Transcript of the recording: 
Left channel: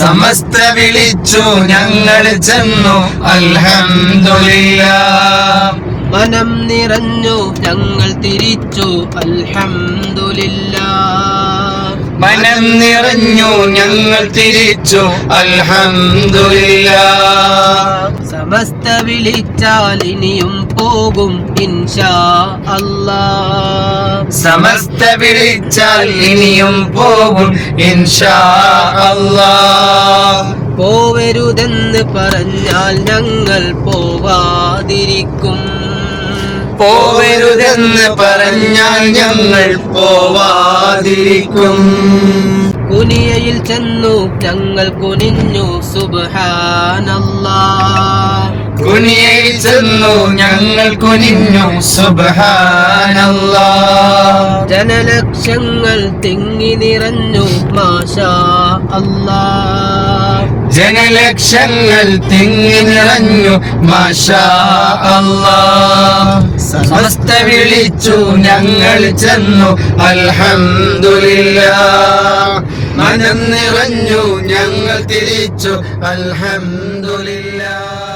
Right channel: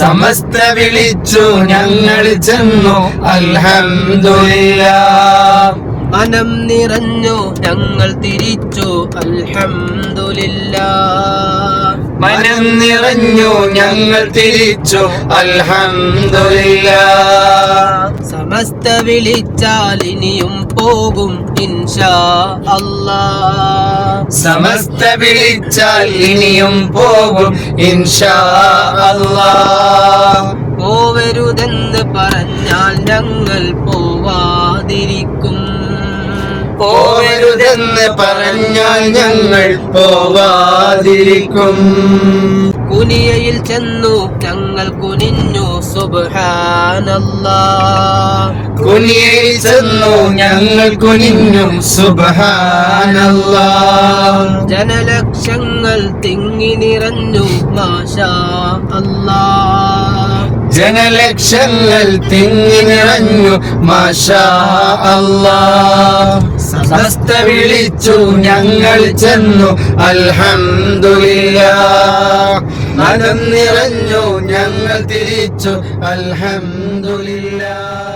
സമസ്ത വിളിച്ചു ഞങ്ങൾ ചെന്നു അൽഹംദുലില്ലാഹ്. മനം നിറഞ്ഞു ഞങ്ങൾ തിരിച്ചു അൽഹംദുലില്ലാഹ്. മനം നിറഞ്ഞു ഞങ്ങൾ തിരിച്ചു അൽഹംദുലില്ലാഹ്. സമസ്ത വിളിച്ചാൽ ഇനിയും പോകും ഇൻഷാ അല്ലാഹ്. സമസ്ത വിളിച്ചാൽ ഇനിയും പോകും ഇൻഷാ അല്ലാഹ്. പോവരുതെന്ന് പറഞ്ഞാൽ ഞങ്ങൾ പോവാതിരിക്കും. പോവരുതെന്ന് പറഞ്ഞാൽ ഞങ്ങൾ പോവാതിരിക്കും. കുനിയയിൽ ചെന്നു ഞങ്ങൾ കുനിഞ്ഞു സുബ്ഹാനല്ലാഹ്. കുനിയയിൽ ചെന്നു ഞങ്ങൾ കുനിഞ്ഞു സുബ്ഹാനല്ലാഹ്. ജനലക്ഷങ്ങൾ തിങ്ങി നിറഞ്ഞു മാഷാ അല്ലാഹ്. ജനലക്ഷങ്ങൾ തിങ്ങി നിറഞ്ഞു മാഷാ അല്ലാഹ്. സമസ്ത വിളിച്ചു ഞങ്ങൾ ചെന്നു അൽഹംദുലില്ലാഹ്. മനം നിറഞ്ഞു ഞങ്ങൾ തിരിച്ചു അൽഹംദുലില്ലാഹ്.